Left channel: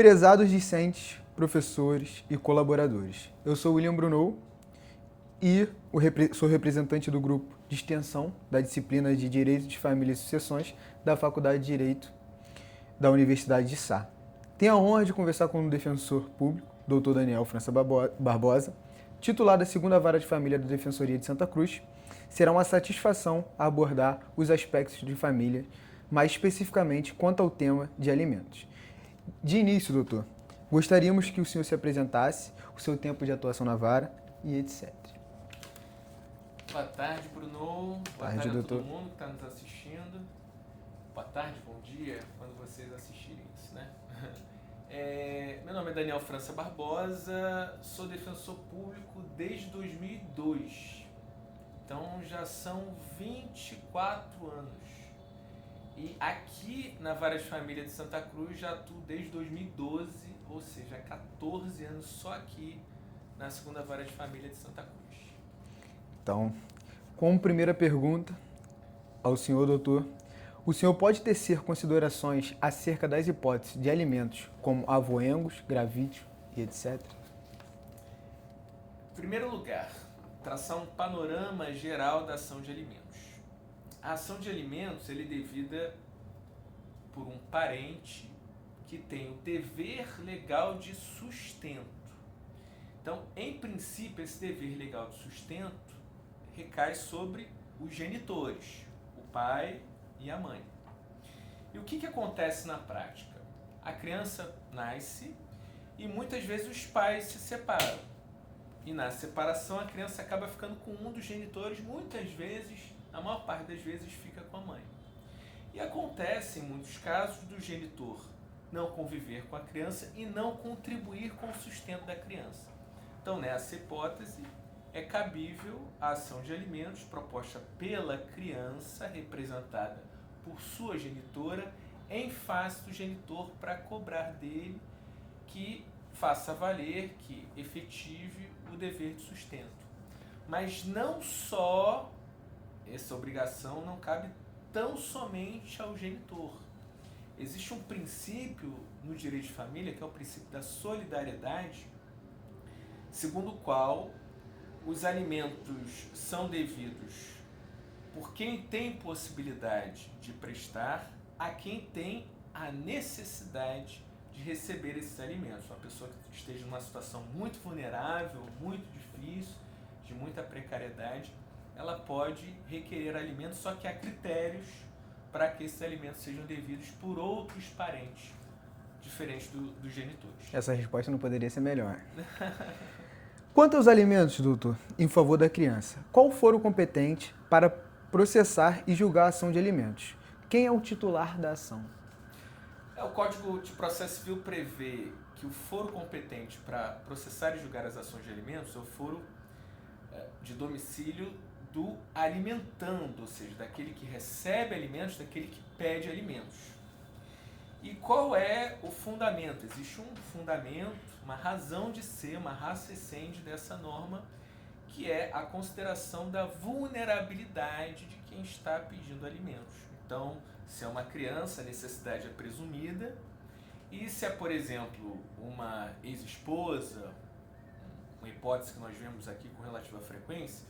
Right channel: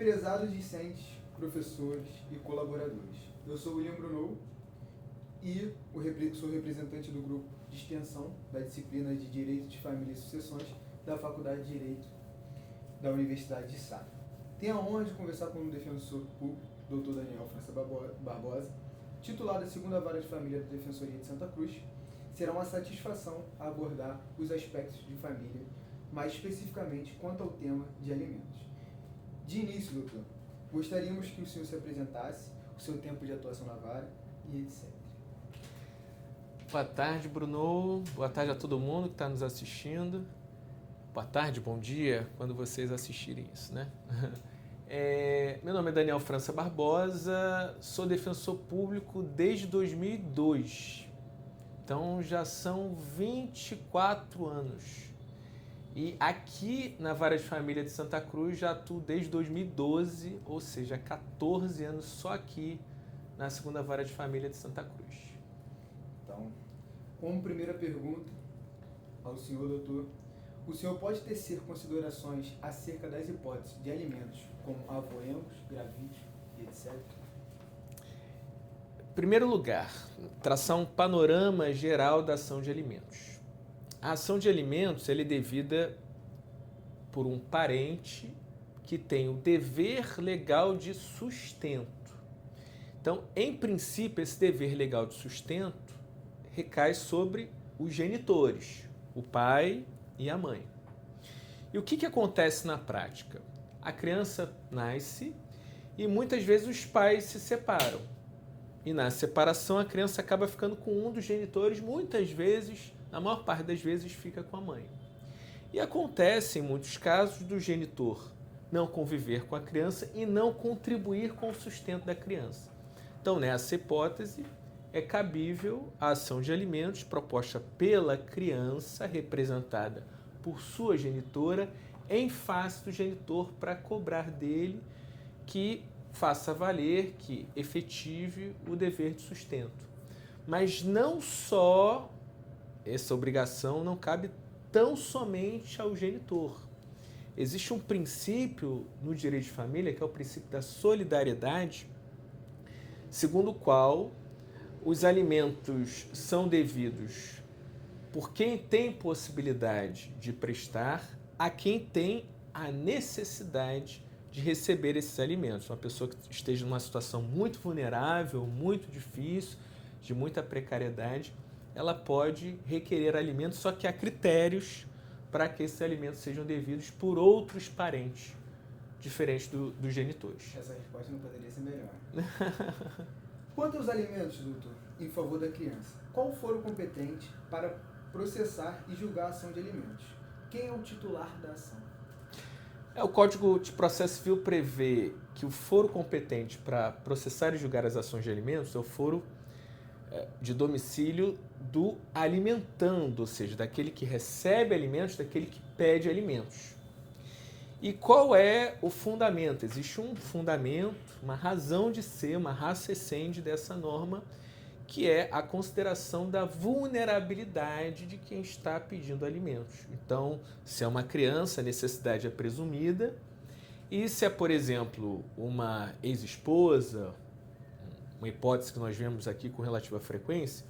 Prezados discentes, professores e colaboradores, eu sou William Brunou e sou representante do grupo de extensão da disciplina de Direito de Família e Sucessões da Faculdade de Direito da Universidade de Sá. Tenho a honra de conversar com o defensor público, Dr. Daniel França Barbosa, titular da 2ª Vara de Família da Defensoria de Santa Cruz. Será uma satisfação abordar os aspectos de família, mais especificamente quanto ao tema de alimentos. De início, doutor, gostaríamos que o senhor se apresentasse, o seu tempo de atuação na vara e etc. Boa tarde, Bruno. Boa tarde a doutor. todo mundo que está nos assistindo. Boa tarde, bom dia, quando vocês assistirem isso, né? Meu nome é Daniel França Barbosa, sou defensor público desde 2002. Então já são 24 anos. E aqui na Vara de Família de Santa Cruz já atuo desde 2012, ou seja, 14 anos só aqui na 2ª Vara de Família de Santa Cruz. Então, como primeira pergunta ao senhor doutor, o senhor pode tecer considerações acerca das hipóteses de alimentos como avoengos, gravídeo e etc? Em primeiro lugar, traçar um panorama geral da ação de alimentos. A ação de alimentos é devida por um parente que tem o dever legal de sustento. Então, em princípio, esse dever legal de sustento recai sobre os genitores, o pai e a mãe. E o que acontece na prática? A criança nasce e muitas vezes os pais se separam. E na separação a criança acaba ficando com um dos genitores, muitas vezes, na maior parte das vezes, fica com a mãe. E acontece, em muitos casos, do genitor não conviver com a criança e não contribuir com o sustento da criança. Então, nessa hipótese, é cabível a ação de alimentos proposta pela criança, representada por sua genitora, em face do genitor para cobrar dele que faça valer, que efetive o dever de sustento. Mas não só essa obrigação não cabe tão somente ao genitor. Existe um princípio no direito de família, que é o princípio da solidariedade, segundo o qual os alimentos são devidos por quem tem possibilidade de prestar a quem tem a necessidade de receber esses alimentos. Uma pessoa que esteja numa situação muito vulnerável, muito difícil, de muita precariedade, ela pode requerer alimentos, só que há critérios para que esses alimentos sejam devidos por outros parentes, diferentes dos genitores. Essa resposta não poderia ser melhor. Quanto aos alimentos, doutor, em favor da criança, qual foro competente para processar e julgar a ação de alimentos? Quem é o titular da ação? O Código de Processo Civil prevê que o foro competente para processar e julgar as ações de alimentos é o foro de domicílio do alimentando, ou seja, daquele que recebe alimentos, daquele que pede alimentos. E qual é o fundamento? Existe um fundamento, uma razão de ser, uma ratio essendi dessa norma, que é a consideração da vulnerabilidade de quem está pedindo alimentos. Então, se é uma criança, a necessidade é presumida, e se é, por exemplo, uma ex-esposa, uma hipótese que nós vemos aqui com relativa frequência,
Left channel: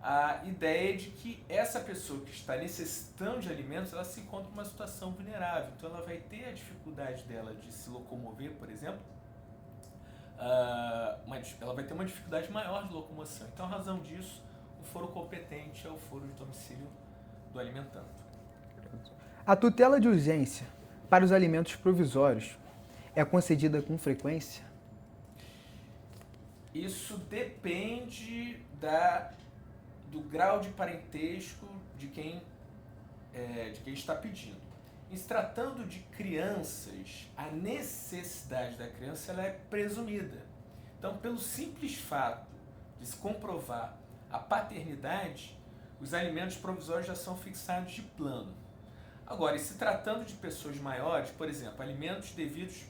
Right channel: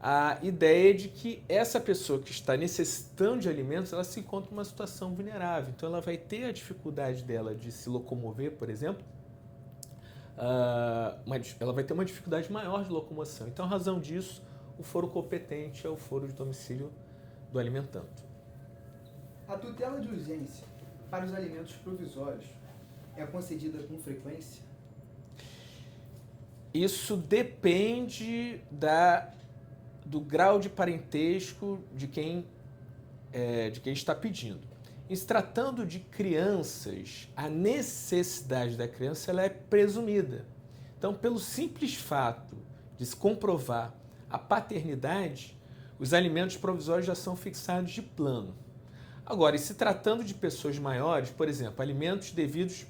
a ideia é de que essa pessoa que está necessitando de alimentos, ela se encontra em uma situação vulnerável. Então, ela vai ter a dificuldade dela de se locomover, por exemplo, ela vai ter uma dificuldade maior de locomoção. Então, a razão disso, o foro competente é o foro de domicílio do alimentando. A tutela de urgência para os alimentos provisórios é concedida com frequência? Isso depende do grau de parentesco de quem está pedindo. Em se tratando de crianças, a necessidade da criança ela é presumida. Então, pelo simples fato de se comprovar a paternidade, os alimentos provisórios já são fixados de plano. Agora, e se tratando de pessoas maiores, por exemplo, alimentos devidos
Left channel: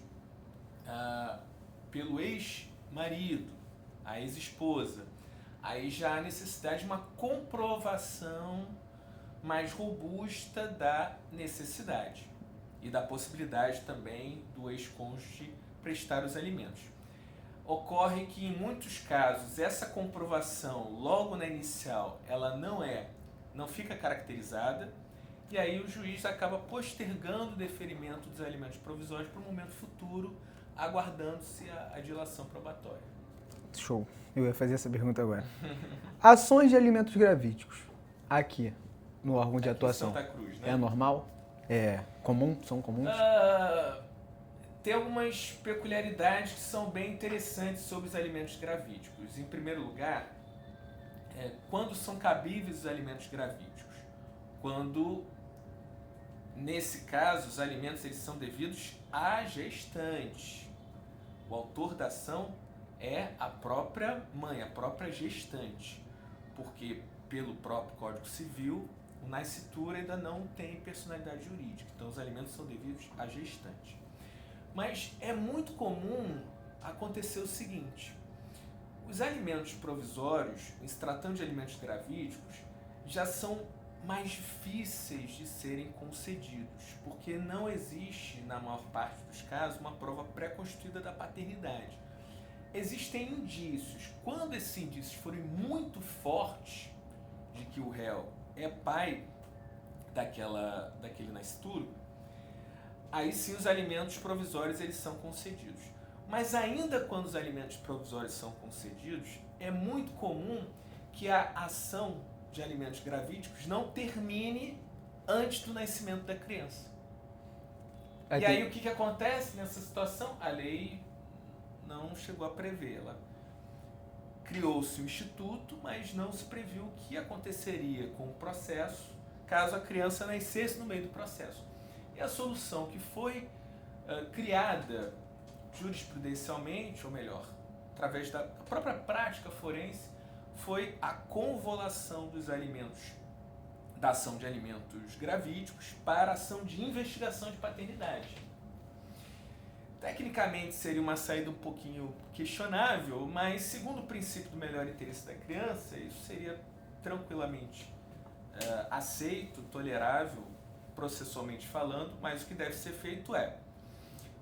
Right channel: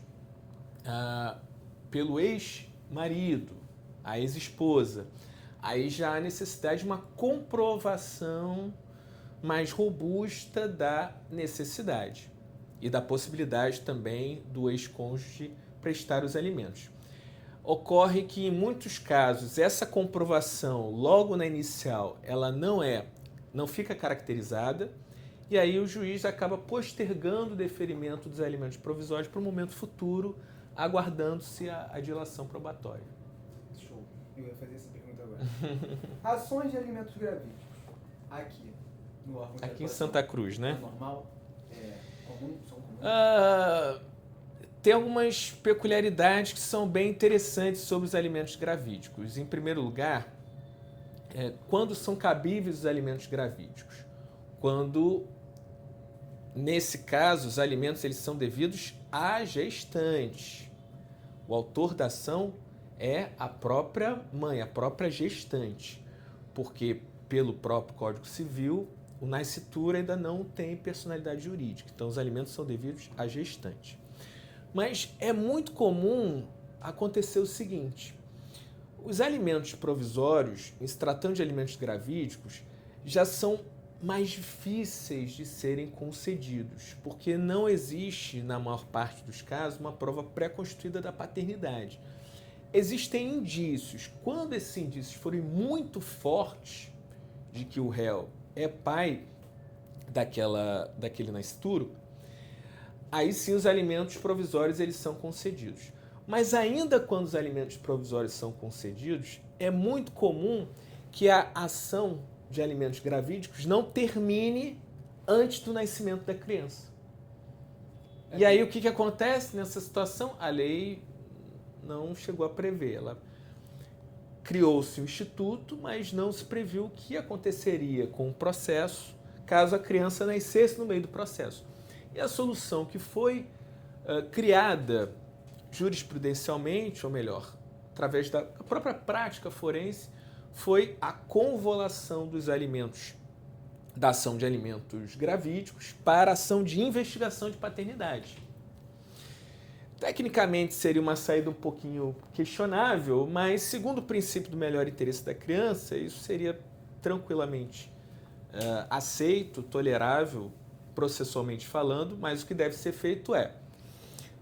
pelo ex-marido, a ex-esposa, aí já há necessidade de uma comprovação mais robusta da necessidade. e da possibilidade também do ex-cônjuge prestar os alimentos. Ocorre que em muitos casos essa comprovação logo na inicial ela não fica caracterizada e aí o juiz acaba postergando o deferimento dos alimentos provisórios para um momento futuro, aguardando-se a dilação probatória. Show. Eu ia fazer essa pergunta agora. Ações de alimentos gravídicos. Aqui, no órgão de atuação. Em Santa Cruz, né? É normal? É comum? São comuns? Tem algumas peculiaridades que são bem interessantes sobre os alimentos gravídicos. Em primeiro lugar, quando são cabíveis os alimentos gravídicos? Quando, nesse caso, os alimentos eles são devidos à gestante. O autor da ação é a própria mãe, a própria gestante, porque pelo próprio Código Civil, o nascitura ainda não tem personalidade jurídica, então os alimentos são devidos à gestante. Mas é muito comum acontecer o seguinte, os alimentos provisórios, em se tratando de alimentos gravídicos, já são mais difíceis de serem concedidos, porque não existe, na maior parte dos casos, uma prova pré-constituída da paternidade. Existem indícios. Quando esses indícios forem muito fortes de que o réu é pai daquele nascituro, aí sim os alimentos provisórios eles são concedidos. Mas ainda quando os alimentos provisórios são concedidos, é muito comum que a ação de alimentos gravídicos não termine antes do nascimento da criança. E aí o que acontece nessa situação? A lei não chegou a prever. Ela criou-se um instituto, mas não se previu o que aconteceria com o processo caso a criança nascesse no meio do processo. E a solução que foi criada jurisprudencialmente, ou melhor, através da própria prática forense, foi a convolução dos alimentos, da ação de alimentos gravídicos para a ação de investigação de paternidade. Tecnicamente seria uma saída um pouquinho questionável, mas segundo o princípio do melhor interesse da criança, isso seria tranquilamente aceito, tolerável, processualmente falando, mas o que deve ser feito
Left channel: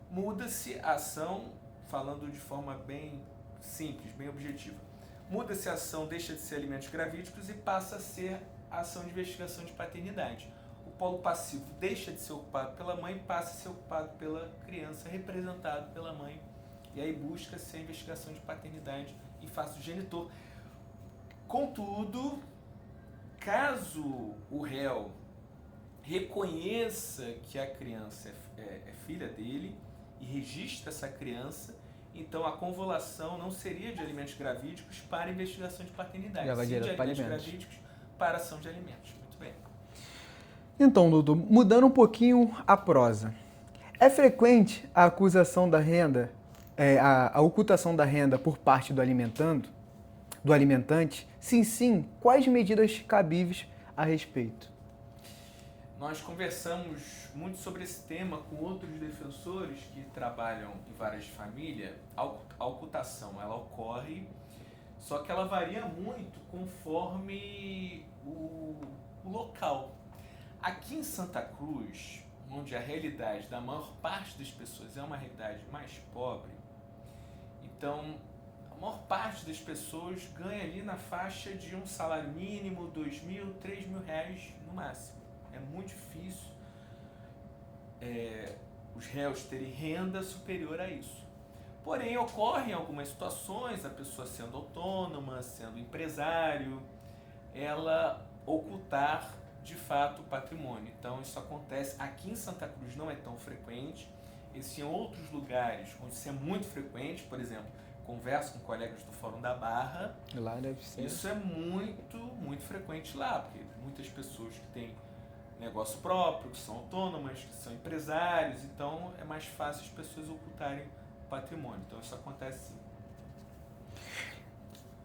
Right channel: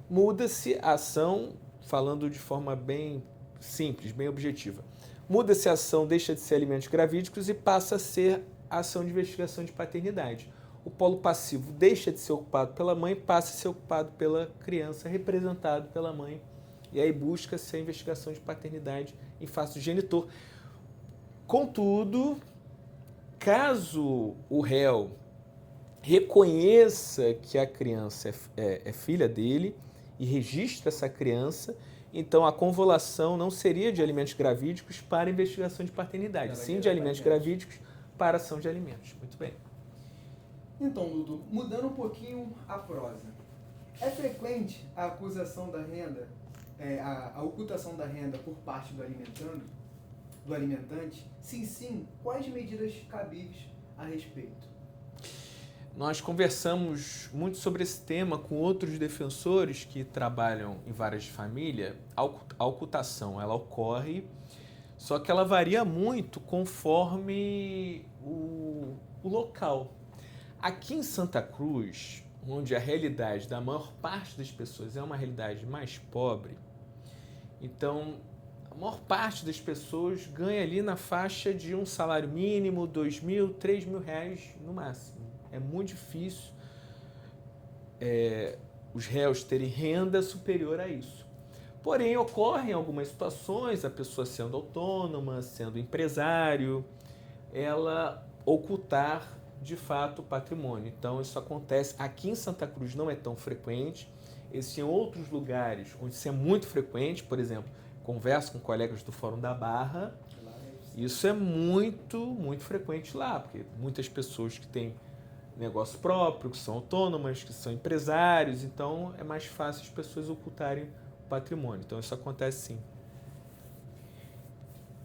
muda-se a ação, falando de forma bem simples, bem objetiva, muda-se a ação, deixa de ser alimentos gravídicos e passa a ser ação de investigação de paternidade. O polo passivo deixa de ser ocupado pela mãe, passa a ser ocupado pela criança, representado pela mãe, e aí busca-se a investigação de paternidade em face do genitor. Contudo, caso o réu reconheça que a criança é filha dele e registre essa criança, então a convolução não seria de alimentos gravídicos para investigação de paternidade, sim de alimentos gravídicos para ação de alimentos. Muito bem. Então, Dudu, mudando um pouquinho a prosa. É frequente a acusação da renda, a ocultação da renda por parte do alimentante? Sim, sim. Quais medidas cabíveis a respeito? Nós conversamos muito sobre esse tema com outros defensores que trabalham em varas de família. A ocultação, ela ocorre, só que ela varia muito conforme o local. Aqui em Santa Cruz, onde a realidade da maior parte das pessoas é uma realidade mais pobre, então a maior parte das pessoas ganha ali na faixa de um salário mínimo, R$2.000, R$3.000 no máximo. É muito difícil os réus terem renda superior a isso. Porém, ocorrem algumas situações, a pessoa sendo autônoma, sendo empresário, ela ocultar de fato o patrimônio. Então isso acontece aqui em Santa Cruz, não é tão frequente. Existem outros lugares onde isso é muito frequente, por exemplo, converso com colegas do Fórum da Barra. Lá deve ser. Isso é muito, muito frequente lá, porque muitas pessoas que têm negócio próprio, que são autônomas, que são empresários, então é mais fácil as pessoas ocultarem o patrimônio. Então isso acontece sim.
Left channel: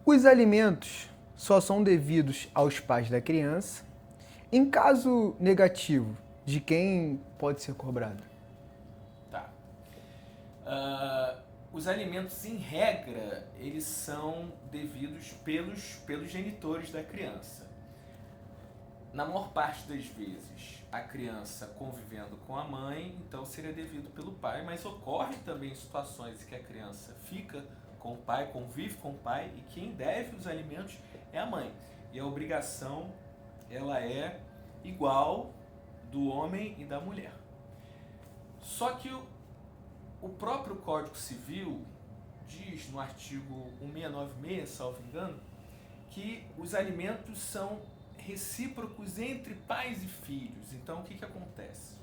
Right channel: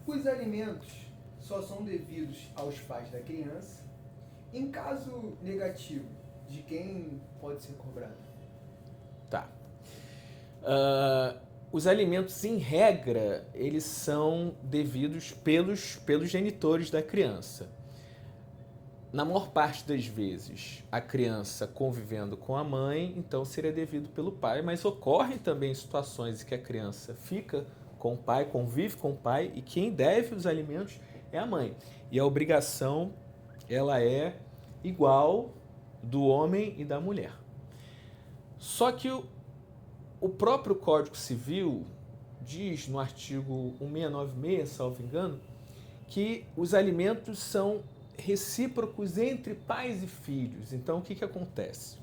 Os alimentos só são devidos aos pais da criança. Em caso negativo, de quem pode ser cobrado? Tá. Os alimentos, em regra, eles são devidos pelos genitores da criança. na maior parte das vezes, a criança convivendo com a mãe, então seria devido pelo pai, mas ocorrem também situações em que a criança fica com o pai, convive com o pai, e quem deve os alimentos é a mãe. E a obrigação, ela é igual do homem e da mulher. Só que o próprio Código Civil diz no artigo 1696, salvo engano, que os alimentos são recíprocos entre pais e filhos. Então, o que acontece?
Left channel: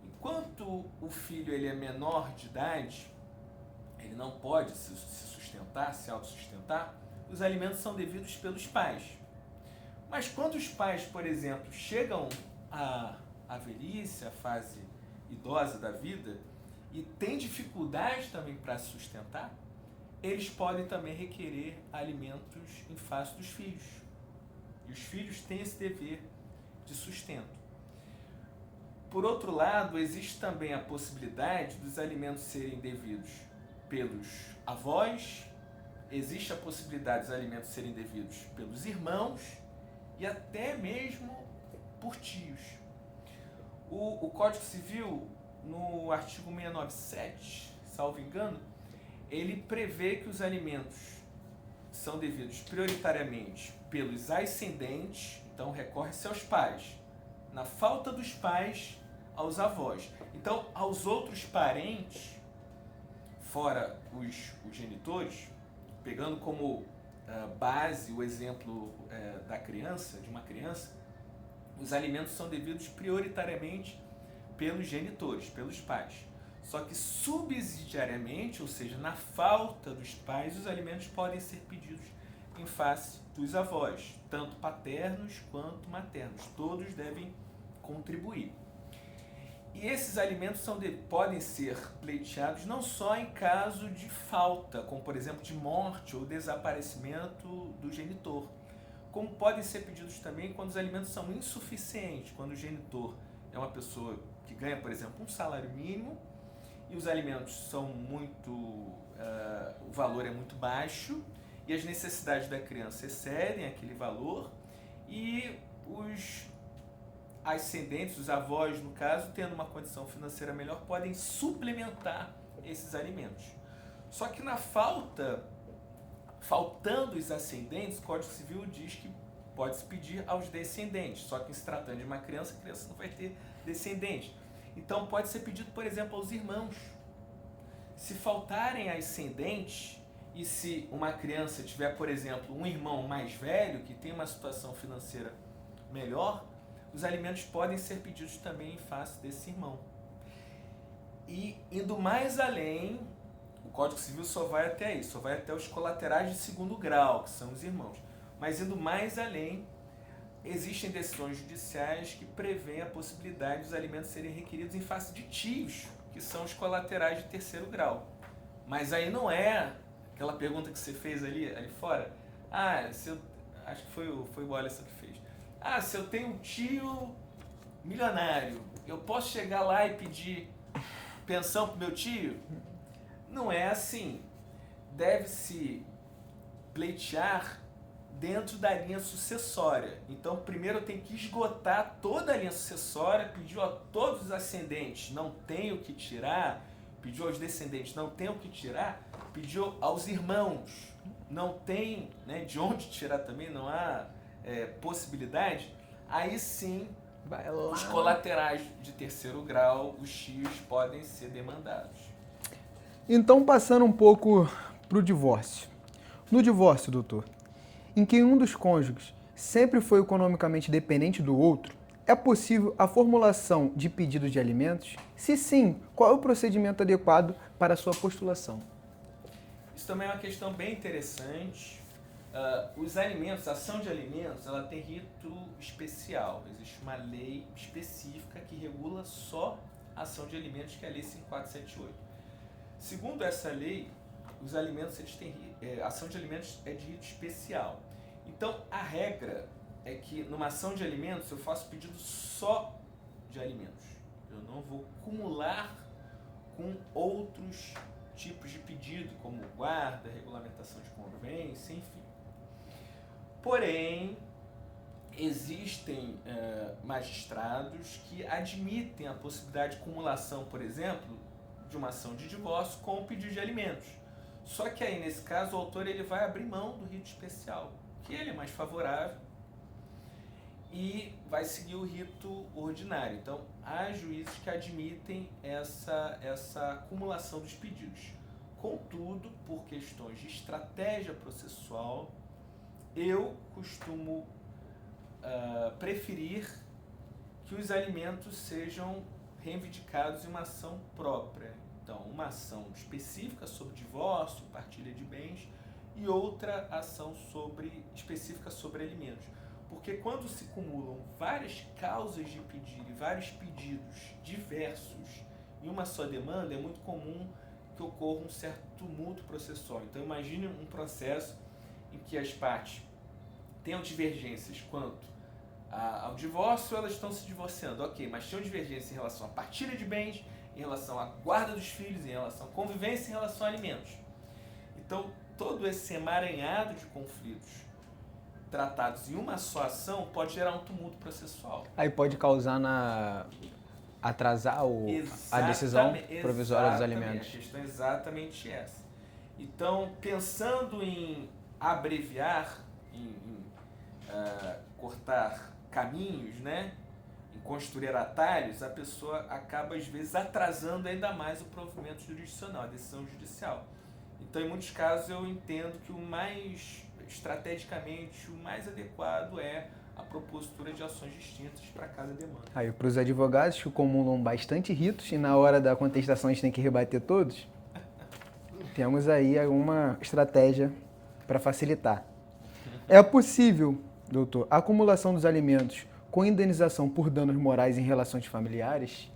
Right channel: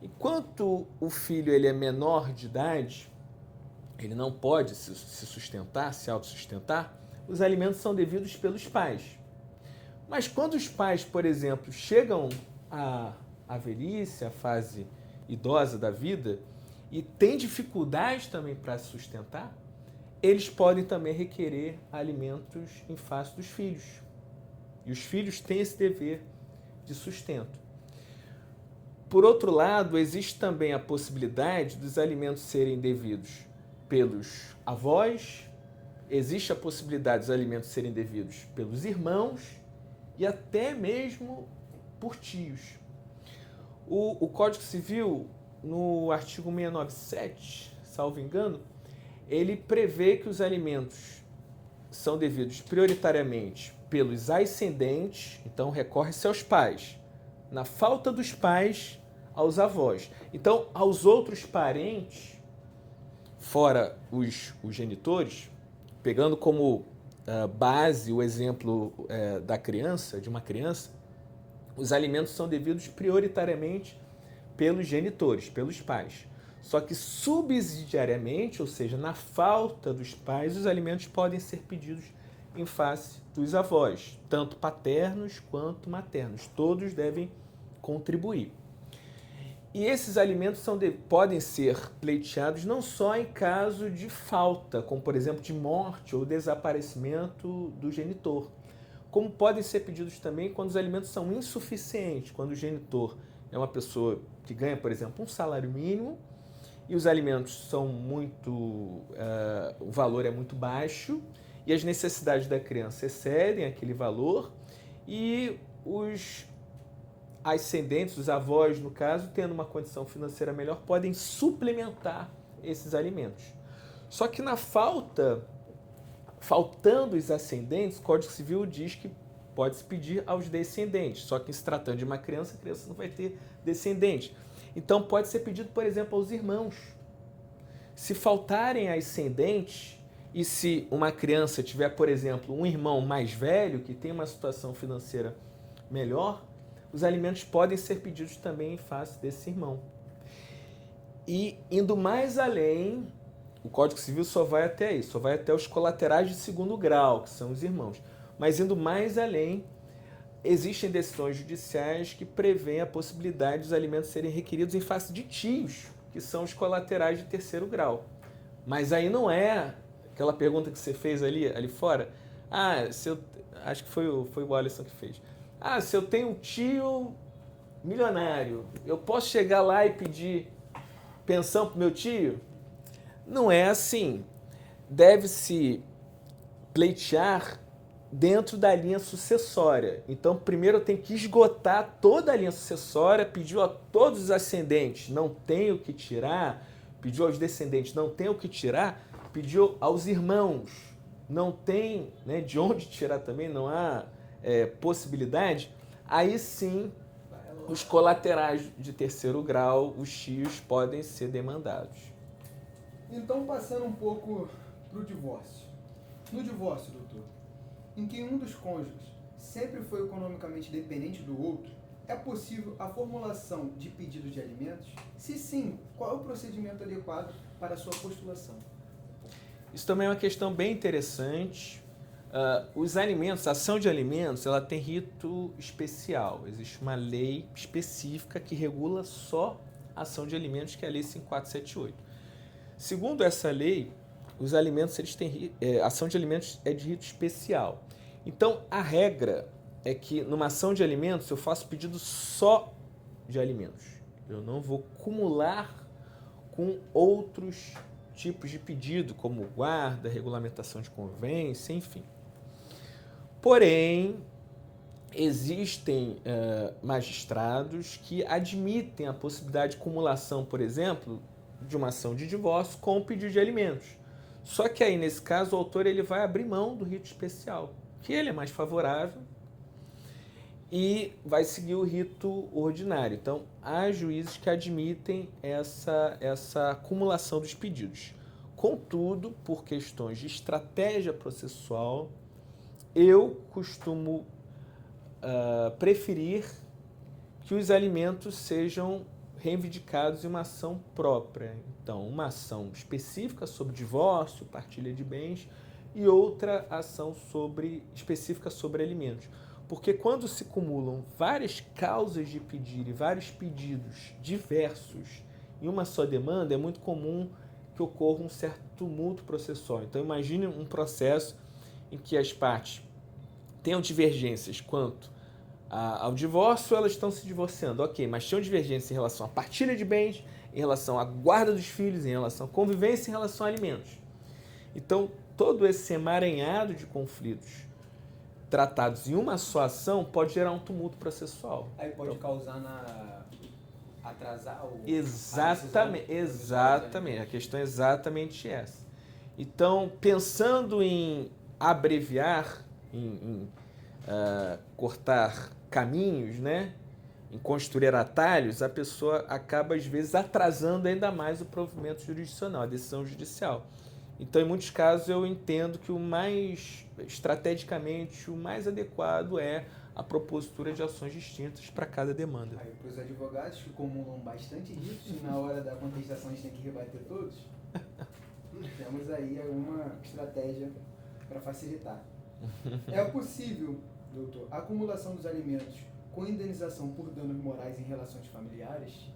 Enquanto o filho ele é menor de idade, ele não pode se sustentar, se autossustentar, os alimentos são devidos pelos pais. Mas quando os pais, por exemplo, chegam à velhice, à fase idosa da vida, e têm dificuldade também para se sustentar, eles podem também requerer alimentos em face dos filhos. E os filhos têm esse dever de sustento. Por outro lado, existe também a possibilidade dos alimentos serem devidos pelos avós, existe a possibilidade dos alimentos serem devidos pelos irmãos e até mesmo por tios. O Código Civil, no artigo 697, salvo engano, ele prevê que os alimentos são devidos prioritariamente pelos ascendentes, então recorre-se aos pais. Na falta dos pais, aos avós. Então, aos outros parentes, fora os genitores, pegando como base o exemplo da criança, de uma criança, os alimentos são devidos prioritariamente pelos genitores, pelos pais. Só que subsidiariamente, ou seja, na falta dos pais, os alimentos podem ser pedidos em face dos avós, tanto paternos quanto maternos. Todos devem contribuir. E esses alimentos podem ser pleiteados não só em caso de falta, como por exemplo de morte ou desaparecimento do genitor, como podem ser pedidos também quando os alimentos são insuficientes, quando o genitor é uma pessoa que ganha, por exemplo, um salário mínimo e os alimentos são o valor é muito baixo e as necessidades da criança excedem aquele valor e os ascendentes, os avós, no caso, tendo uma condição financeira melhor, podem suplementar esses alimentos. Só que na faltando os ascendentes, o Código Civil diz que pode-se pedir aos descendentes. Só que se tratando de uma criança, a criança não vai ter descendente. Então pode ser pedido, por exemplo, aos irmãos. Se faltarem ascendentes, e se uma criança tiver, por exemplo, um irmão mais velho, que tem uma situação financeira melhor, os alimentos podem ser pedidos também em face desse irmão. E indo mais além, o Código Civil só vai até aí, só vai até os colaterais de segundo grau, que são os irmãos. Mas indo mais além, existem decisões judiciais que prevêem a possibilidade dos alimentos serem requeridos em face de tios, que são os colaterais de terceiro grau. Mas aí não é aquela pergunta que você fez ali fora. Acho que foi o Alisson que fez. Se eu tenho um tio milionário, eu posso chegar lá e pedir pensão pro meu tio? Não é assim. Deve-se pleitear dentro da linha sucessória. Então, primeiro eu tenho que esgotar toda a linha sucessória, pediu a todos os ascendentes, não tenho o que tirar, pediu aos descendentes, não tenho o que tirar, pediu aos irmãos, não tem, de onde tirar também, não há possibilidade, aí sim, os colaterais de terceiro grau, os tios, podem ser demandados. Então, passando um pouco para o divórcio. No divórcio, doutor, em que um dos cônjuges sempre foi economicamente dependente do outro, é possível a formulação de pedido de alimentos? Se sim, qual é o procedimento adequado para a sua postulação? Isso também é uma questão bem interessante. Os alimentos, a ação de alimentos, ela tem rito especial. Existe uma lei específica que regula só a ação de alimentos, que é a Lei 5478. Segundo essa lei, os alimentos, a ação de alimentos é de rito especial. Então, a regra é que numa ação de alimentos eu faço pedido só de alimentos. Eu não vou acumular com outros tipos de pedido, como guarda, regulamentação de convênios, enfim. Porém, existem magistrados que admitem a possibilidade de cumulação, por exemplo, de uma ação de divórcio com o pedido de alimentos. Só que aí, nesse caso, o autor ele vai abrir mão do rito especial, que ele é mais favorável, e vai seguir o rito ordinário. Então, há juízes que admitem essa acumulação dos pedidos. Contudo, por questões de estratégia processual, eu costumo preferir que os alimentos sejam reivindicados em uma ação própria. Então, uma ação específica sobre divórcio, partilha de bens, e outra ação específica sobre alimentos. Porque quando se acumulam várias causas de pedir e vários pedidos diversos em uma só demanda, é muito comum que ocorra um certo tumulto processual. Então, imagine um processo em que as partes tenham divergências quanto ao divórcio, elas estão se divorciando, ok, mas tinham divergência em relação à partilha de bens, em relação à guarda dos filhos, em relação à convivência, em relação a alimentos. Então, todo esse emaranhado de conflitos tratados em uma só ação pode gerar um tumulto processual. Aí pode causar atrasar a decisão provisória dos alimentos. Exatamente, a questão é exatamente essa. Então, pensando em abreviar, em cortar caminhos, né? Em construir atalhos, a pessoa acaba, às vezes, atrasando ainda mais o provimento jurisdicional, a decisão judicial. Então, em muitos casos, eu entendo que estrategicamente, o mais adequado é a propositura de ações distintas para cada demanda. Aí, para os advogados que acumulam bastante ritos e na hora da contestação a gente tem que rebater todos, temos aí alguma estratégia para facilitar. É possível, doutor, a acumulação dos alimentos com indenização por danos morais em relações familiares?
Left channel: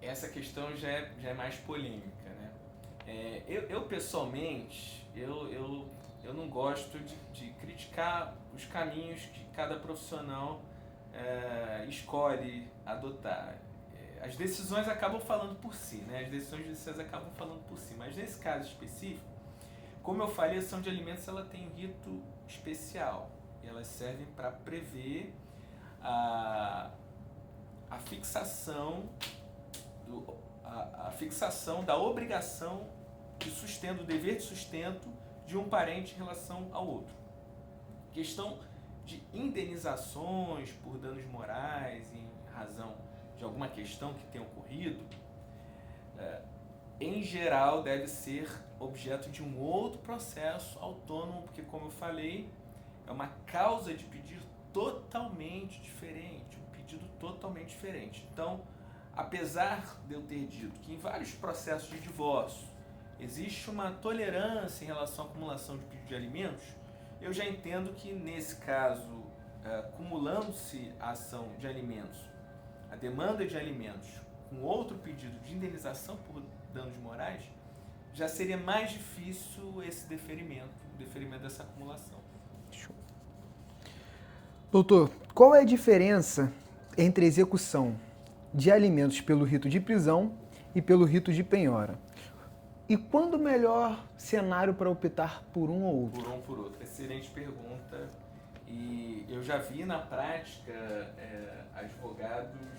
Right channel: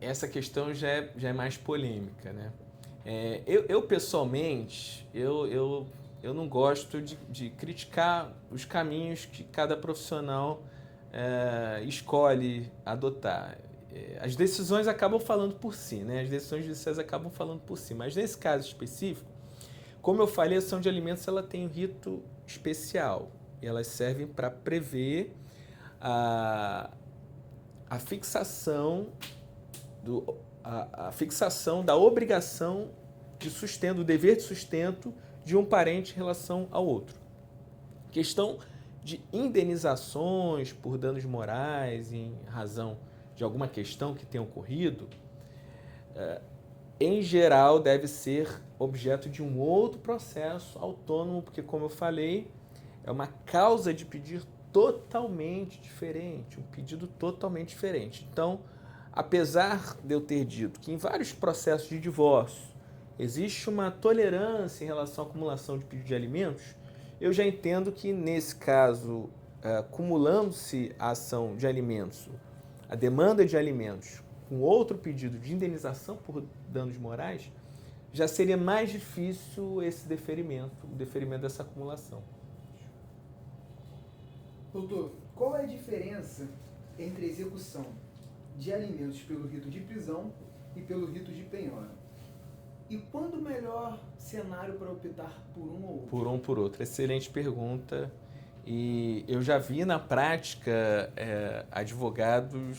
Essa questão já é mais polêmica, né? Eu pessoalmente, eu não gosto de criticar os caminhos que cada profissional escolhe adotar. As decisões acabam falando por si, né? As decisões judiciais acabam falando por si, mas nesse caso específico, como eu falei, a ação de alimentos ela tem um rito especial e elas servem para prever a fixação da obrigação de sustento, do dever de sustento de um parente em relação ao outro. Questão de indenizações por danos morais em razão de alguma questão que tenha ocorrido, em geral deve ser objeto de um outro processo autônomo, porque, como eu falei, é uma causa de pedir totalmente diferente, um pedido totalmente diferente. Então, apesar de eu ter dito que em vários processos de divórcio existe uma tolerância em relação à acumulação de pedido de alimentos, eu já entendo que, nesse caso, acumulando-se a ação de alimentos, a demanda de alimentos, com outro pedido de indenização por danos morais, já seria mais difícil esse deferimento, o deferimento dessa acumulação. Doutor, qual é a diferença entre a execução de alimentos pelo rito de prisão e pelo rito de penhora? E quando o melhor cenário para optar por um ou outro? Por um ou por outro. Excelente pergunta. E eu já vi na prática advogados,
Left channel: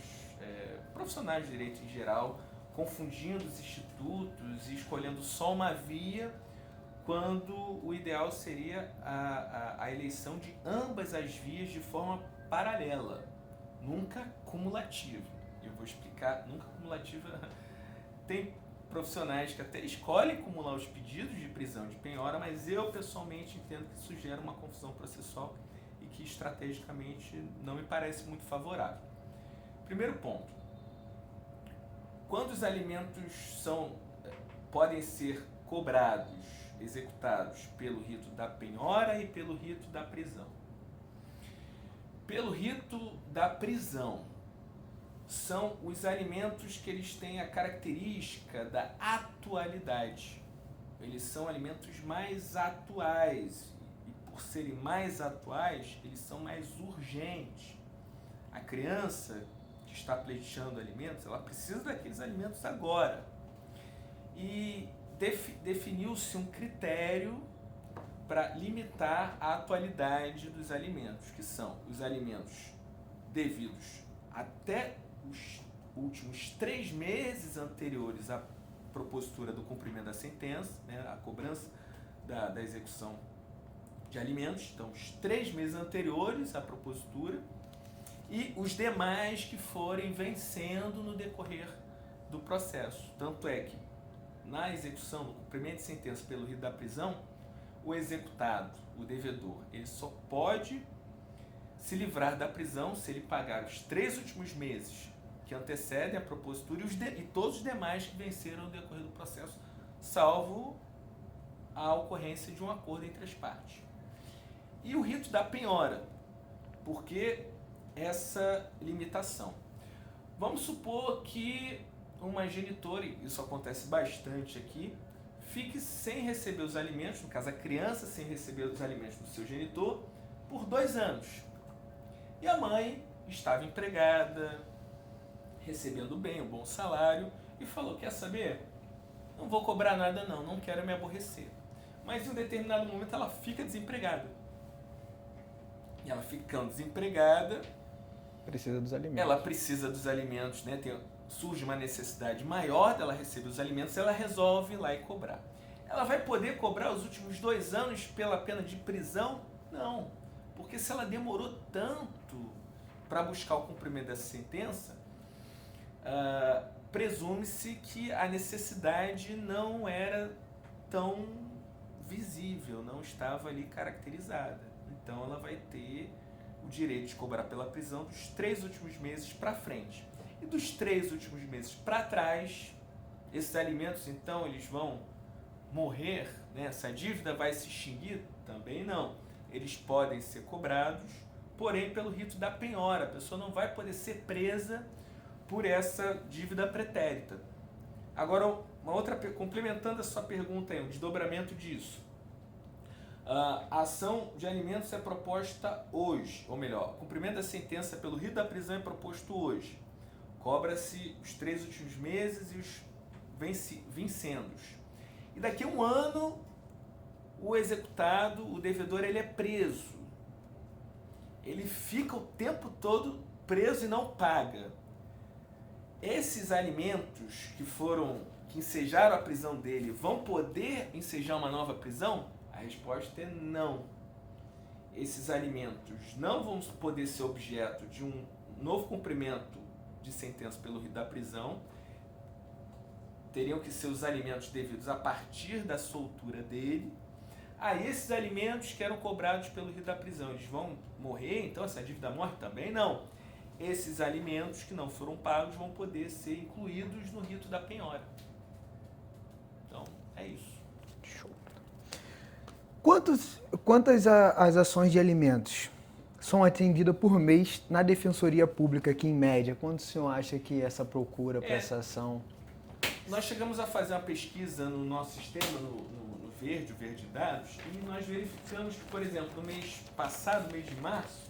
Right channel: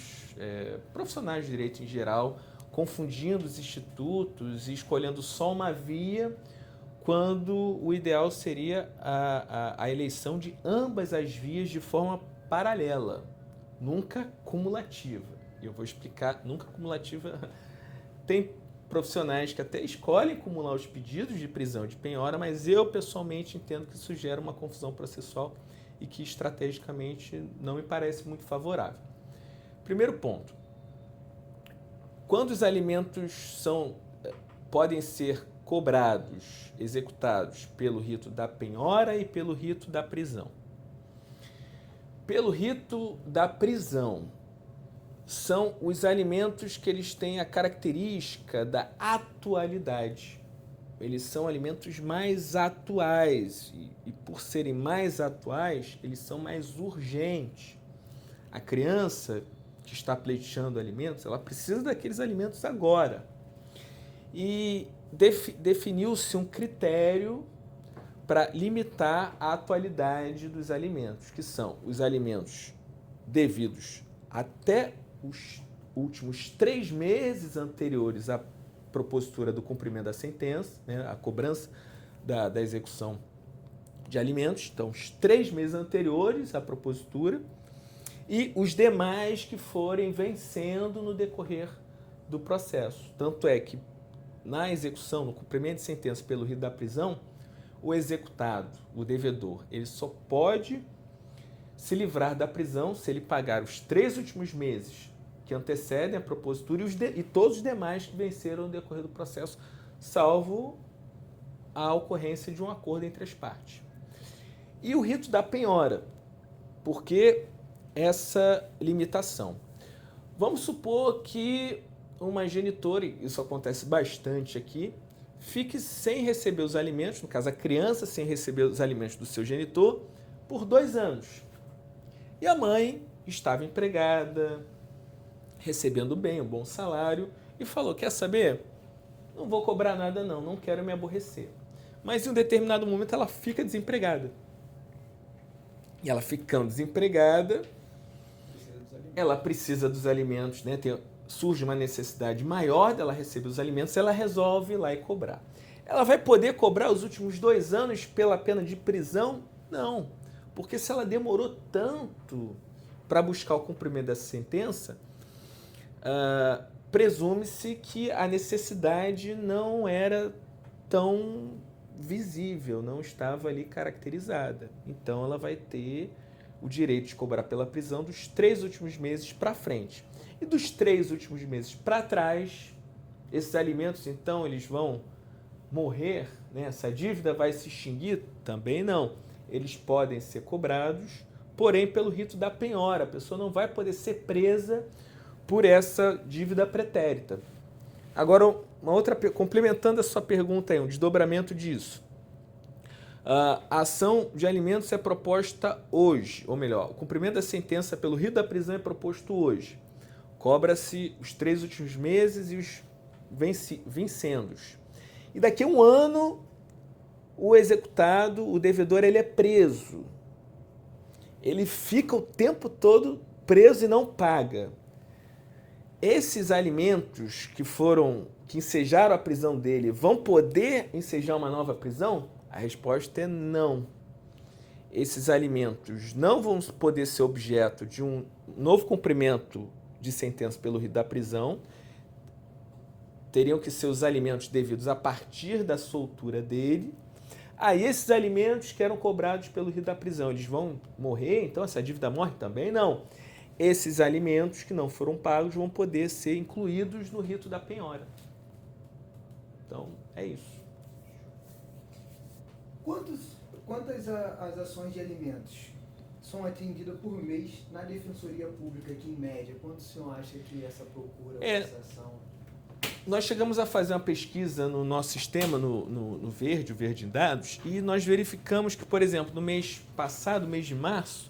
profissionais de direito em geral, confundindo os institutos e escolhendo só uma via, quando o ideal seria a eleição de ambas as vias de forma paralela, nunca cumulativa. Eu vou explicar, nunca cumulativa. Tem profissionais que até escolhem acumular os pedidos de prisão de penhora, mas eu pessoalmente entendo que isso gera uma confusão processual e que estrategicamente não me parece muito favorável. Primeiro ponto. Quando os alimentos podem ser cobrados, executados pelo rito da penhora e pelo rito da prisão. Pelo rito da prisão, são os alimentos que eles têm a característica da atualidade. Eles são alimentos mais atuais e por serem mais atuais, eles são mais urgentes. A criança que está pleiteando alimentos, ela precisa daqueles alimentos agora. E definiu-se um critério para limitar a atualidade dos alimentos, que são os alimentos devidos até os últimos 3 meses anteriores à propositura do cumprimento da sentença, né, a cobrança da execução de alimentos, então os 3 meses anteriores à propositura, e os demais que forem vencendo no decorrer do processo. Tanto é que na execução, no cumprimento de sentença pelo rito da prisão, o executado, o devedor, ele só pode se livrar da prisão se ele pagar os 3 últimos meses que antecedem a propositura e todos os demais que venceram no decorrer do processo, salvo a ocorrência de um acordo entre as partes. E o rito da penhora, por que essa limitação? Vamos supor que uma genitora, e isso acontece bastante aqui, fique sem receber os alimentos, no caso a criança sem receber os alimentos do seu genitor, por 2 anos. E a mãe estava empregada, recebendo bem, um bom salário, e falou, quer saber? Não vou cobrar nada não quero me aborrecer. Mas em um determinado momento ela fica desempregada. E ela ficando desempregada, Precisa dos alimentos. ela precisa dos alimentos, né? Surge uma necessidade maior dela receber os alimentos, ela resolve ir lá e cobrar. Ela vai poder cobrar os últimos 2 anos pela pena de prisão? Não, porque se ela demorou tanto para buscar o cumprimento dessa sentença, presume-se que a necessidade não era tão visível, não estava ali caracterizada. Então ela vai ter o direito de cobrar pela prisão dos 3 últimos meses para frente. E dos 3 últimos meses para trás, esses alimentos, então, eles vão morrer, né? Essa dívida vai se extinguir? Também não. Eles podem ser cobrados, porém pelo rito da penhora. A pessoa não vai poder ser presa por essa dívida pretérita. Agora, uma outra, complementando a sua pergunta aí, um desdobramento disso. A ação de alimentos é proposta hoje, ou melhor, o cumprimento da sentença pelo rito da prisão é proposto hoje. Cobra-se os 3 últimos meses e os vincendos. E daqui a 1 ano, o executado, o devedor, ele é preso. Ele fica o tempo todo preso e não paga. Esses alimentos que ensejaram a prisão dele vão poder ensejar uma nova prisão? A resposta é não. Esses alimentos não vão poder ser objeto de um novo cumprimento de sentença pelo rito da prisão. Teriam que ser os alimentos devidos a partir da soltura dele. Aí esses alimentos que eram cobrados pelo rito da prisão, eles vão morrer? Então essa dívida morre também? Não. Esses alimentos que não foram pagos vão poder ser incluídos no rito da penhora. Então, é isso. Show. Quantas as ações de alimentos são atendidas por mês na Defensoria Pública aqui em média? Quanto o senhor acha que essa procura para essa ação? Nós chegamos a fazer uma pesquisa no nosso sistema, no Verde, o Verde em Dados, e nós verificamos que, por exemplo, no mês passado, mês de março,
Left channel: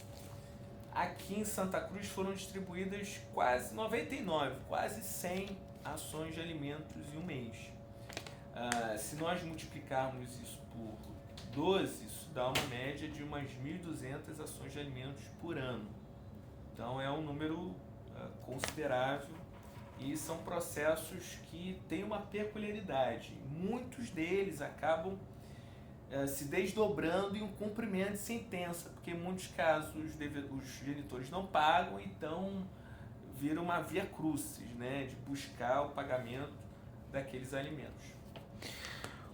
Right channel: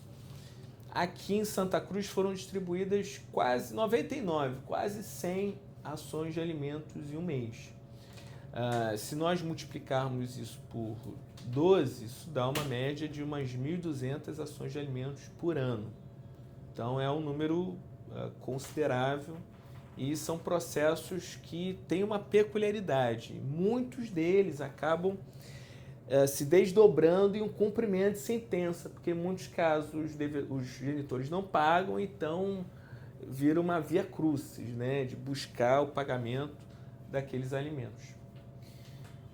aqui em Santa Cruz foram distribuídas quase 99, quase 100 ações de alimentos em um mês. Se nós multiplicarmos isso por 12, isso dá uma média de umas 1.200 ações de alimentos por ano. Então é um número considerável e são processos que têm uma peculiaridade. Muitos deles acabam se desdobrando em um cumprimento de sentença, porque em muitos casos os genitores não pagam, então vira uma via crucis, né, de buscar o pagamento daqueles alimentos.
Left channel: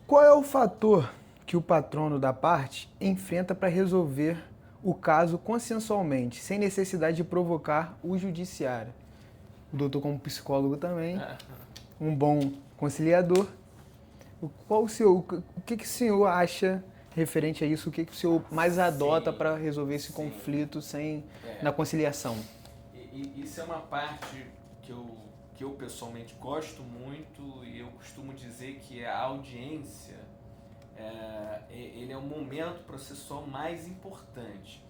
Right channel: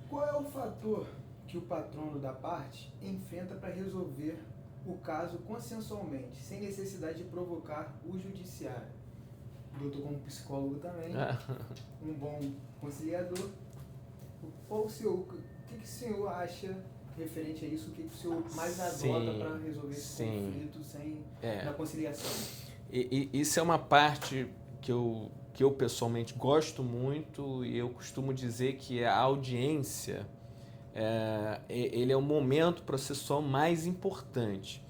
Qual é o fator que o patrono da parte enfrenta para resolver o caso consensualmente, sem necessidade de provocar o judiciário? O doutor, como psicólogo também, um bom conciliador. O que o senhor acha referente a isso? O que o senhor mais adota para resolver esse conflito na conciliação? Isso é uma parte que eu pessoalmente gosto muito, e eu costumo dizer que a audiência ele é o momento processual mais importante.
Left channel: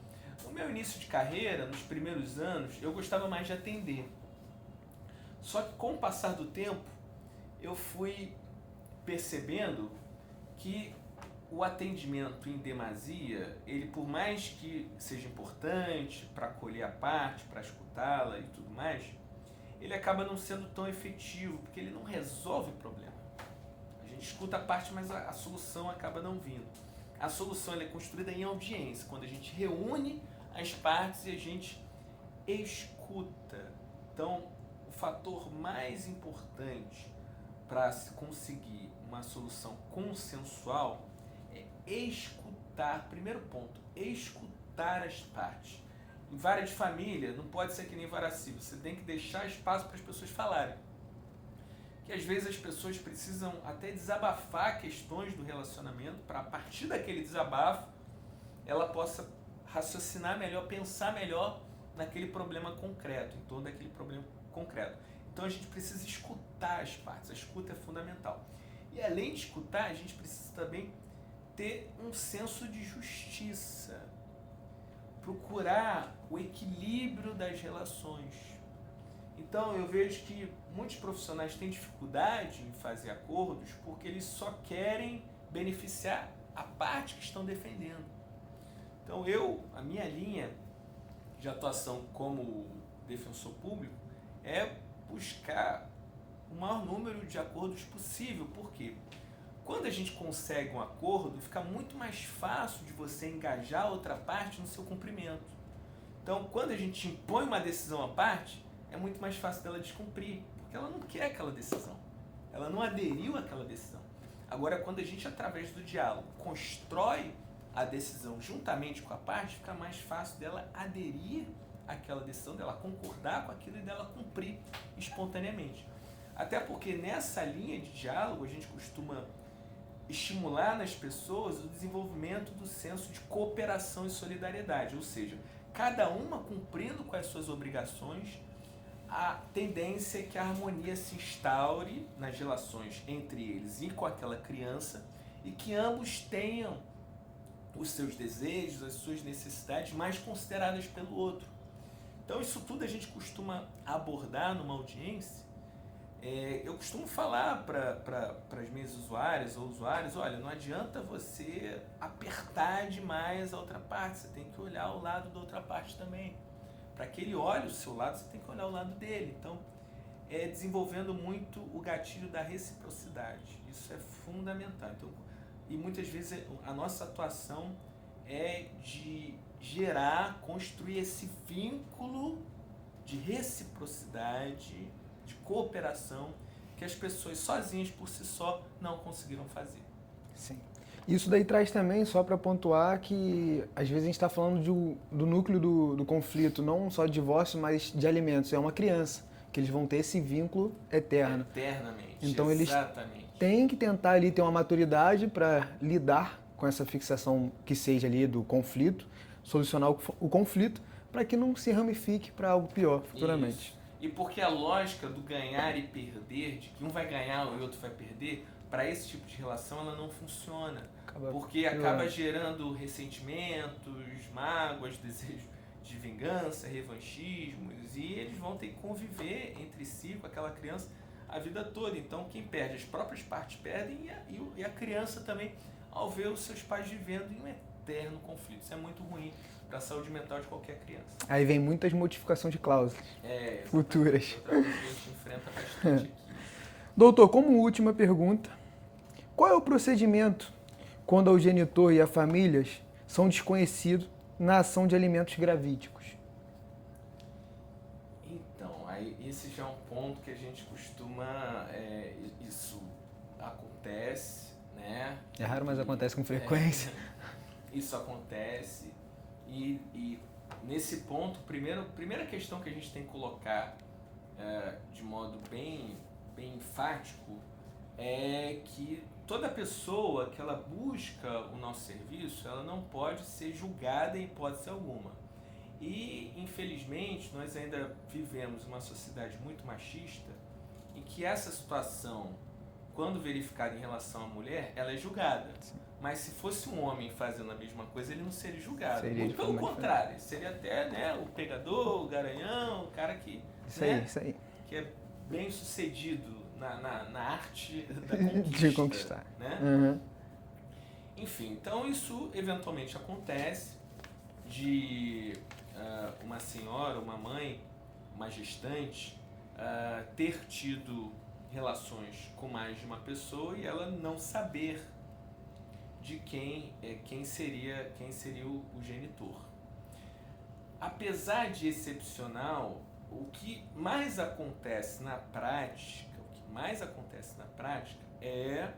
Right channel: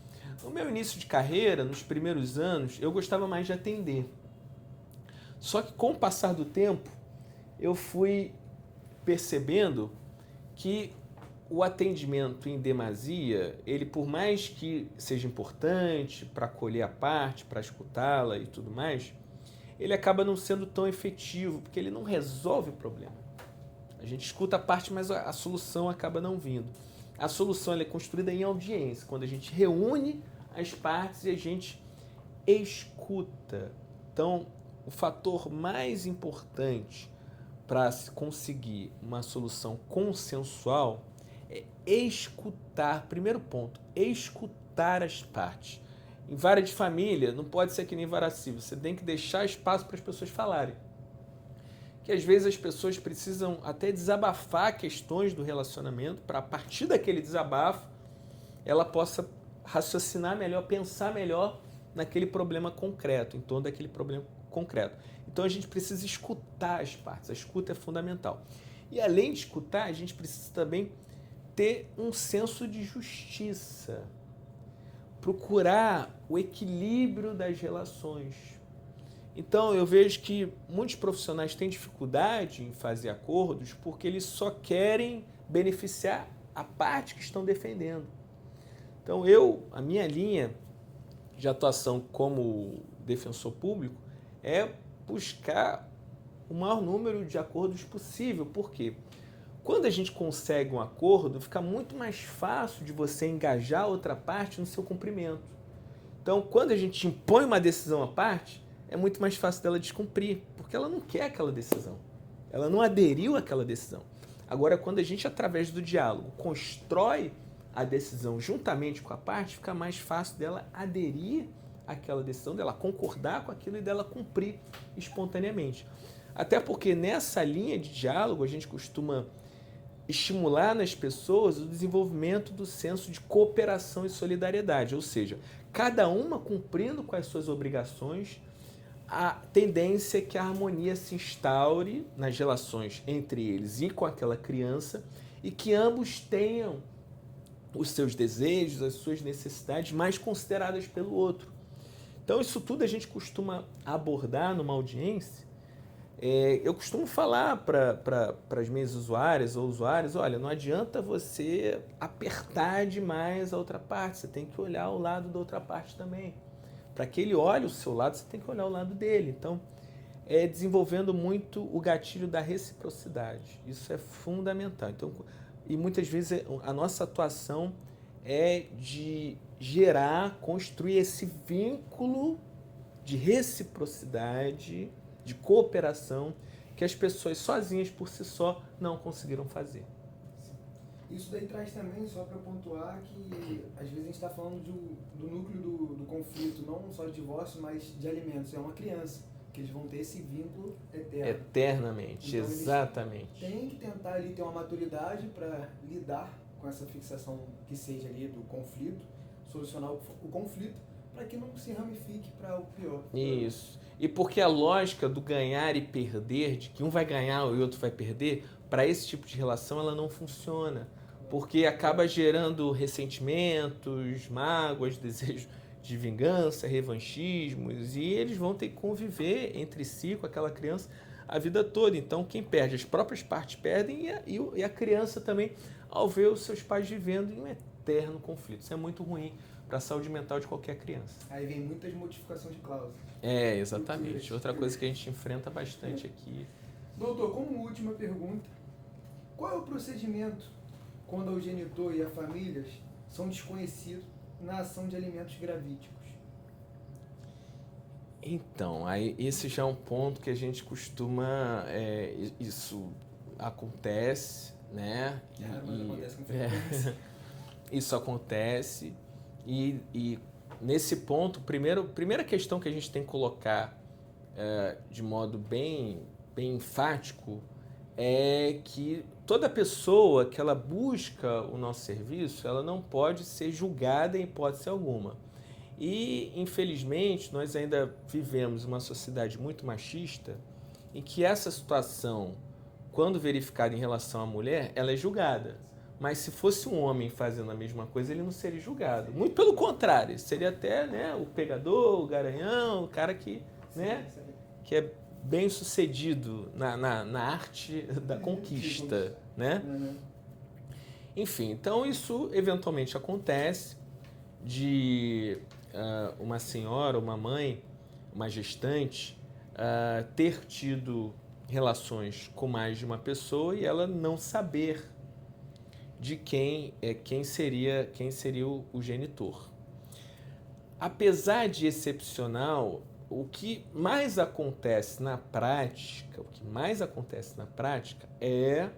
No meu início de carreira, nos primeiros anos, eu gostava mais de atender. Só que com o passar do tempo, eu fui percebendo que o atendimento em demasia, ele por mais que seja importante para acolher a parte, para escutá-la e tudo mais, ele acaba não sendo tão efetivo, porque ele não resolve o problema. A gente escuta a parte, mas a solução acaba não vindo. A solução ela é construída em audiência, quando a gente reúne as partes e a gente escuta. Então, o fator mais importante para se conseguir uma solução consensual é escutar. Primeiro ponto, escutar as partes. Em vara de família, não pode ser que nem vara civil. Você tem que deixar espaço para as pessoas falarem. Que às vezes as pessoas precisam até desabafar questões do relacionamento para, a partir daquele desabafo, ela possa raciocinar melhor, pensar melhor naquele problema concreto, em torno daquele problema concreto. Então a gente precisa escutar as partes, a escuta é fundamental. E além de escutar, a gente precisa também ter um senso de justiça, procurar o equilíbrio das relações. Então eu vejo que muitos profissionais têm dificuldade em fazer acordos porque eles só querem beneficiar a parte que estão defendendo. Então a minha linha de atuação como defensor público é buscar o maior número de acordos possível. Por quê? Quando a gente consegue um acordo, fica muito mais fácil de você engajar a outra parte no seu cumprimento. Então, quando a gente impõe uma decisão à parte, é muito mais fácil dela descumprir, porque ela não quer aquela decisão. Ela não aderiu àquela decisão. Agora, quando a gente, através do diálogo, constrói a decisão juntamente com a parte, fica mais fácil dela aderir àquela decisão, dela concordar com aquilo e dela cumprir espontaneamente. Até porque nessa linha de diálogo a gente costuma estimular nas pessoas o desenvolvimento do senso de cooperação e solidariedade, ou seja, cada uma cumprindo com as suas obrigações, a tendência é que a harmonia se instaure nas relações entre eles e com aquela criança e que ambos tenham os seus desejos, as suas necessidades mais consideradas pelo outro. Então isso tudo a gente costuma abordar numa audiência. Eu costumo falar para as minhas usuárias ou usuários, olha, não adianta você apertar demais a outra parte, você tem que olhar o lado da outra parte também. Para que ele olhe o seu lado, você tem que olhar o lado dele. Então, desenvolvendo muito o gatilho da reciprocidade. Isso é fundamental. Então, e muitas vezes a nossa atuação é de gerar, construir esse vínculo de reciprocidade, de cooperação, que as pessoas sozinhas por si só não conseguiram fazer. Sim. Isso daí traz também, só para pontuar, que às vezes a gente está falando do núcleo do conflito, não só de divórcio, mas de alimentos. É uma criança, que eles vão ter esse vínculo eterno. Eternamente, então, exatamente. Eles têm que tentar ali ter uma maturidade para lidar com essa fixação que seja ali do conflito, solucionar o conflito, para que não se ramifique para algo pior futuramente. Isso. E porque a lógica do ganhar e perder, de que um vai ganhar e o outro vai perder, para esse tipo de relação ela não funciona. Porque acaba gerando ressentimentos, mágoas, desejos de vingança, revanchismos, e eles vão ter que conviver entre si com aquela criança a vida toda. Então quem perde, as próprias partes perdem e a criança também, ao ver os seus pais vivendo em um eterno conflito. Isso é muito ruim para a saúde mental de qualquer criança. Aí vem muitas modificações de cláusulas. Exatamente. Futuras. Outra coisa que a gente enfrenta bastante aqui. Doutor, como última pergunta, qual é o procedimento quando o genitor e a família são desconhecidos na ação de alimentos gravídicos? Então, aí esse já é um ponto que a gente costuma... isso acontece, né? É raro, mas acontece com frequência. Isso acontece. E nesse ponto, primeira questão que a gente tem que colocar de modo bem enfático é que toda pessoa que ela busca o nosso serviço, ela não pode ser julgada em hipótese alguma. E, infelizmente, nós ainda vivemos uma sociedade muito machista em que essa situação, quando verificada em relação à mulher, ela é julgada. Mas se fosse um homem fazendo a mesma coisa, ele não seria julgado. Muito pelo contrário, seria até, né, o pegador, o garanhão, o cara que, isso aí. que é bem sucedido na arte da conquista. De conquistar. Né? Uhum. Enfim, então isso eventualmente acontece de uma senhora, uma mãe, uma gestante ter tido relações com mais de uma pessoa e ela não saber de quem seria o genitor. Apesar de excepcional, o que mais acontece na prática é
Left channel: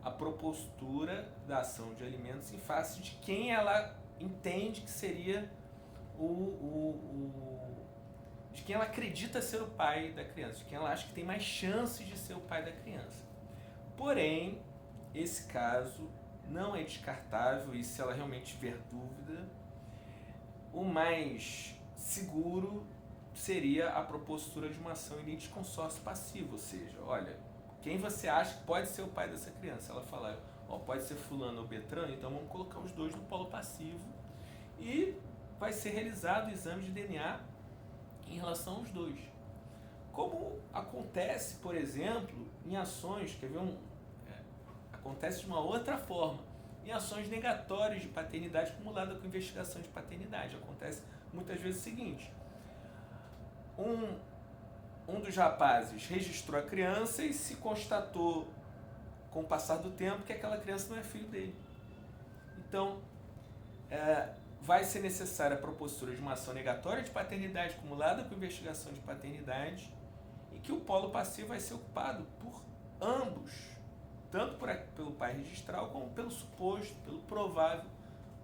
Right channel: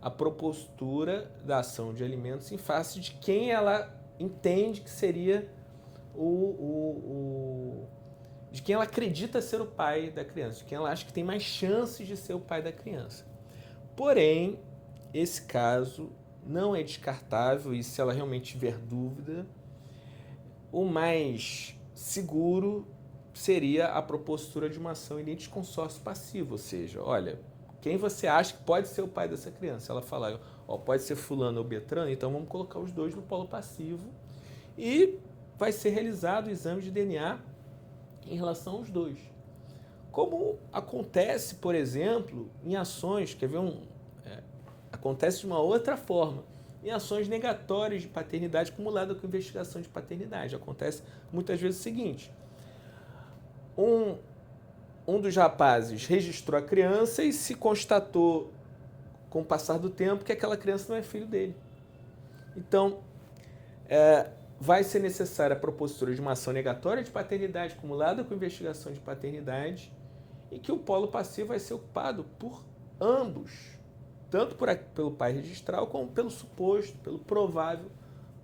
a propositura da ação de alimentos em face de quem ela entende que seria de quem ela acredita ser o pai da criança, de quem ela acha que tem mais chances de ser o pai da criança. Porém, esse caso não é descartável e se ela realmente tiver dúvida, o mais seguro seria a propositura de uma ação em litisconsórcio passivo, ou seja, olha, quem você acha que pode ser o pai dessa criança? Ela fala, pode ser fulano ou Beltrano, então vamos colocar os dois no polo passivo e vai ser realizado o exame de DNA em relação aos dois. Como acontece, por exemplo, em ações, acontece de uma outra forma, em ações negatórias de paternidade acumulada com investigação de paternidade. Acontece muitas vezes o seguinte, um dos rapazes registrou a criança e se constatou, com o passar do tempo, que aquela criança não é filho dele. Então, vai ser necessária a propositura de uma ação negatória de paternidade acumulada com investigação de paternidade e que o polo passivo vai ser ocupado por ambos, tanto pelo pai registral como pelo suposto, pelo provável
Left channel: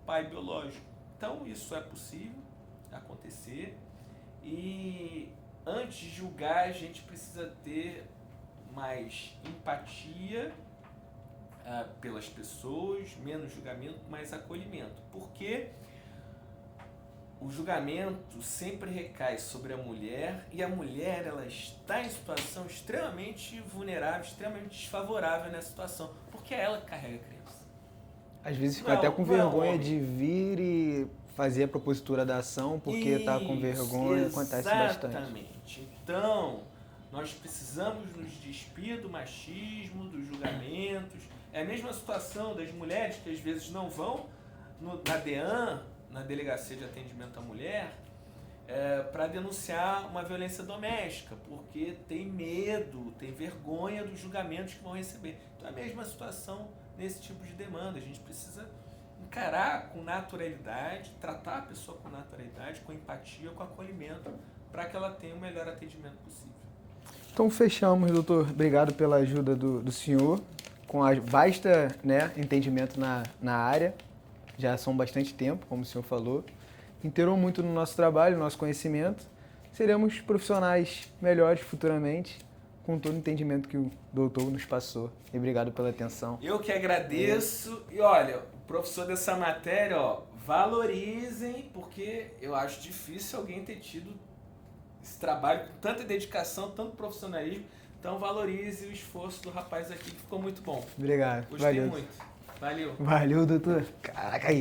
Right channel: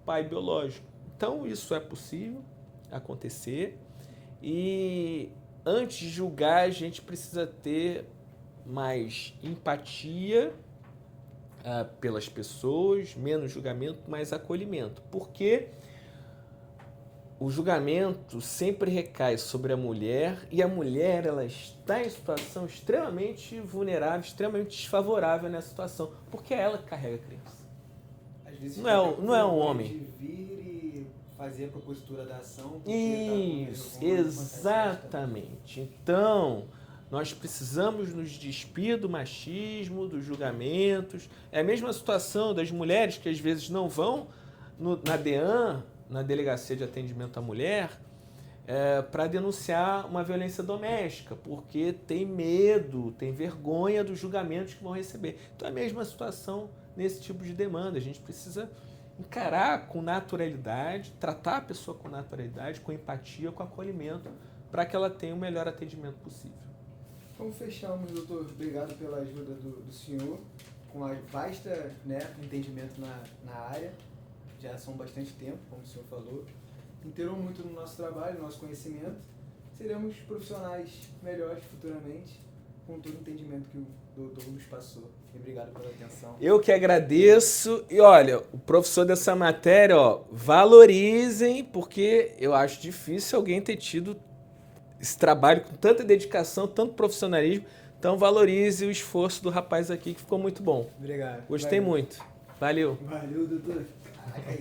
pai biológico. Então, isso é possível acontecer e antes de julgar, a gente precisa ter mais empatia pelas pessoas, menos julgamento, mais acolhimento. Porque o julgamento sempre recai sobre a mulher e a mulher ela está em situação extremamente vulnerável, extremamente desfavorável nessa situação, porque é ela que carrega a criança. Às vezes fica até com vergonha de vir e fazer a propositura da ação porque está com vergonha, acontece bastante. Exatamente. Então, nós precisamos nos despir do machismo, dos julgamentos. É a mesma situação das mulheres que às vezes não vão na DEAN, na Delegacia de Atendimento à Mulher, para denunciar uma violência doméstica, porque tem medo, tem vergonha dos julgamentos que vão receber. Então é a mesma situação nesse tipo de demanda. A gente precisa encarar com naturalidade, tratar a pessoa com naturalidade, com empatia, com acolhimento, para que ela tenha o melhor atendimento possível. Então fechamos, doutor. Obrigado pela ajuda do senhor, com basta entendimento na área. Já são bastante tempo, como o senhor falou. Inteirou muito no nosso trabalho, no nosso conhecimento. Seremos profissionais melhores futuramente, com todo o entendimento que o doutor nos passou. E obrigado pela atenção. Eu que agradeço. E olha, o professor dessa matéria, valorizem, porque eu acho difícil alguém ter tido esse trabalho com tanta dedicação, tanto profissionalismo. Então valorize o esforço do rapaz aqui, que ficou muito bom. Obrigado. Gostei muito. Valeu. Valeu, doutor. Caraca, aí.